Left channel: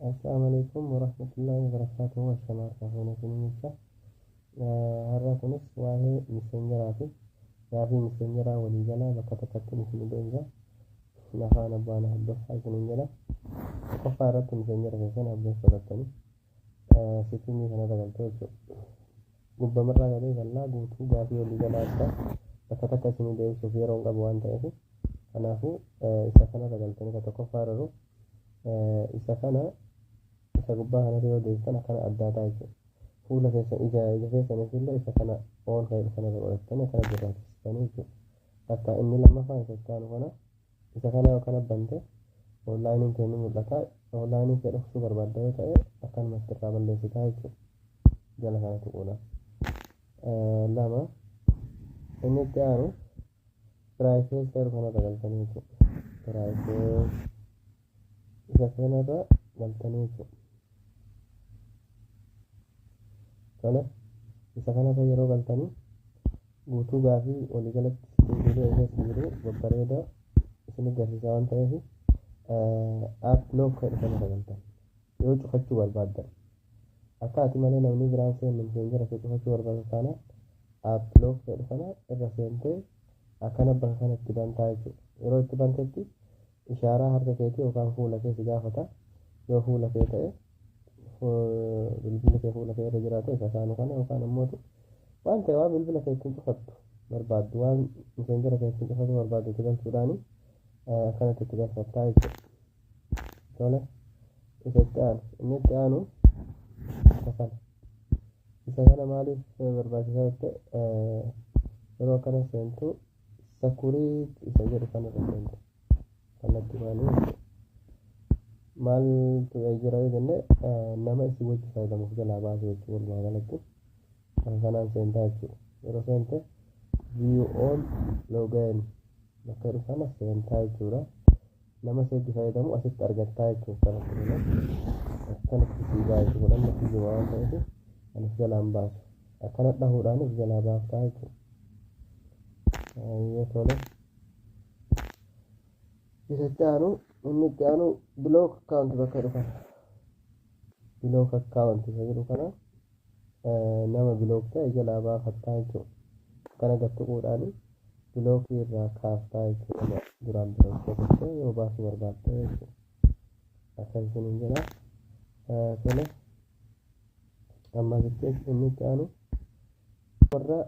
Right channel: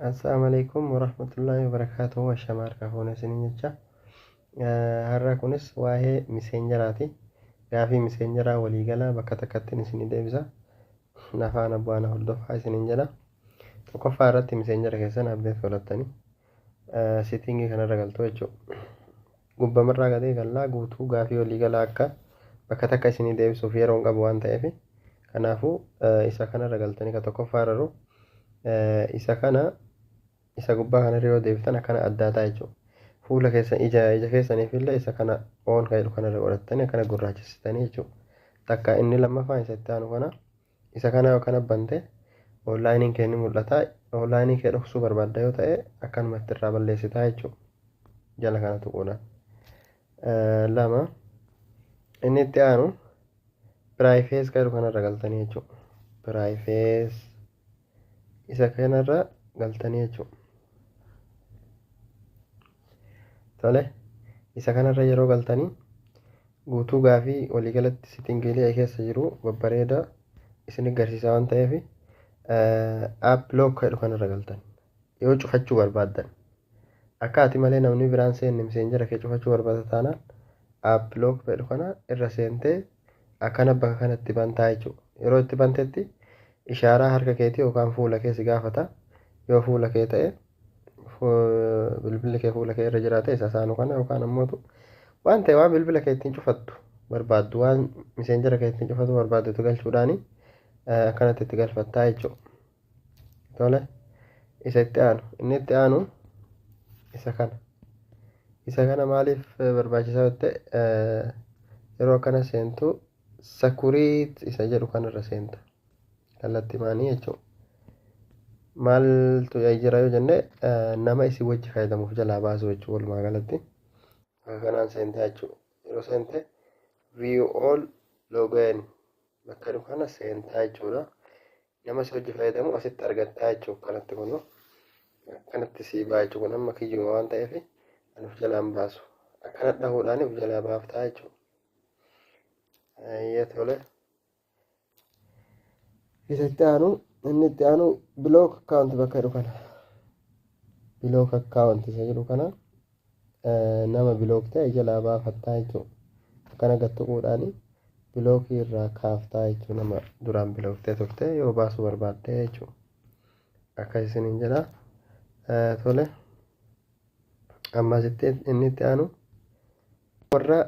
Assalamualaikum warahmatullahi wabarakatuh. Washamar kafuuna isiniin jecha. Har'a kunis waa'ee miseenjeraati. Gaafii miseenjeraa waliigalaa bakka takkatti isinii deebisa. Nafaan abbaan hordofaa isiniin jedha. Tokkoffaa irratti miseenjera keessan abdeet godhattanii siitingii kanarra galtu jechuudha. Gubbamarraa gadee gallaa guutuu gaafii waliigalaa akka bakka takka isinii deebisuuf yeroo hin qabu waan ta'eef kanaafuu isa kanarra galtanii ka tokkoffaa irra isa kana isa gubbaa kanarra yoo deebitan akkana addaataa jechuudha. Fuula keessan ija keessaniif illee isa kana oon kan jedhu kanarra godhattanii akkana gurraachessitanii jechuudha. Takka inni lammaffaan isa itti aanu kana isa kana yoo kana bante onlaayiniin kee ni mul'ata. Onlaayinii kee dhoksuu barbaadda yoo ta'e akkanumatti irraa balleessitaa jechuudha. Jala kana tuquudhaan. Lama inni itti aanu piraayifees kan jedhu kanarra galtanii jechuudha. Piraayifees isa kanarra galtanii jechuudha. Tole isa kanarra yeroo galtanii guutuu gaafii waliigalatti siitingiilee keessa jiru babbareeda isin agarsiisa waan ta'eef app lock jedhu kanarra galtan yoo cufachuu barbaaddan akka ati malee namni biraan seenne miseenjera kee cufachuu barbaada taanaan app lock jedhu kana irra seentee akkana bakka kanatti bantaa jechuudha. Yeroo itti bantetti ishaaraa harka keetii yookaan fuula kee si gaafata. Yoo fuula kee ta'e bilbilli kee fuula kee irra jiraate isa saanu kana yookaan ammoo waan ta'e waan bilbila kee ittiin cufattu barbaaddu waan miseenjera kee ittiin cufatu barbaaddu galchuudhaani akkanatti itti galfattaa jechuudha. Tole isa itti aanu inni itti aanu isa kana maaliif barbaachisaa yoo ta'e yeroo akkana seentu sakuriit isa jedhu kanarra seenta kallattii maanii jechuudha. Maaltu jira yoo jenne nama isin wajji fayyadamuuf jalaa baasu jechuudha. Walumaa galatti kanaan seentaa jechuudha. Yeroo seente view all login bakka jedhu kana seentaa jechuudha. Nama isin wajji fayyadamu asitti argattaa jechuudha. Kanatti kunu akkanatti sii baa jechuudha. Amma kiyyuma waan ta'eef kan of jalaan baasu akkana dhahuudhaan of jalaa baaftaa jechuudha. Tole isa itti aanu inni itti aanu bilook akkaawunti bakka jedhu kana bilook akkaawunti isa jedhu kana nama bilook ta'e jalaa baafattaa jechuudha. Akkana gattuquudhaan bilookii irraa kaaftaa jechuudha. Nama duraan bilook ta'e turte yoo baasuu barbaadde jechuudha. Akka isiniin jedha. Tole ammasitti inni itti aanu warra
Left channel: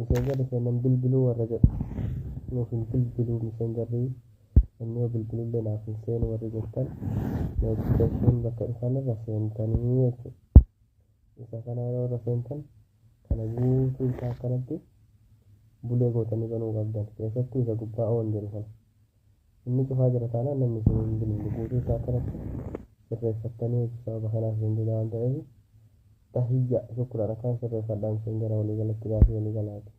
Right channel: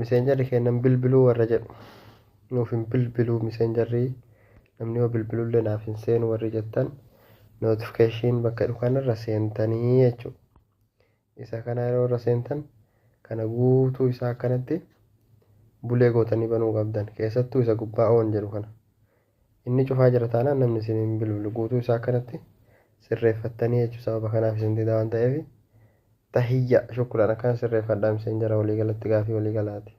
miseenjarri kennan bilbiluu warra jedhu nuuf hin bilbiluu miseenjarrii namni yoo bilbilullee naaf hin seenu warri jettan notification bakka jedhu kanarra seentanii jechuudha. Isa kana yeroo irra seentan kana guutuu isaa akkanatti bulee gootanii banuu qabdan. Keessattuu isa gubbaa oon jedhu kana inni cufaa jira taanaan namni isin hin bilbilu guutuu isaa akkanatti sirreeffattanii jechuudha. Sababa kanaaf isin didaa waan ta'eef tahiyya shukuraan akkana sirreeffadhaa miseenjera waliigalatti gaafii waliigalaati.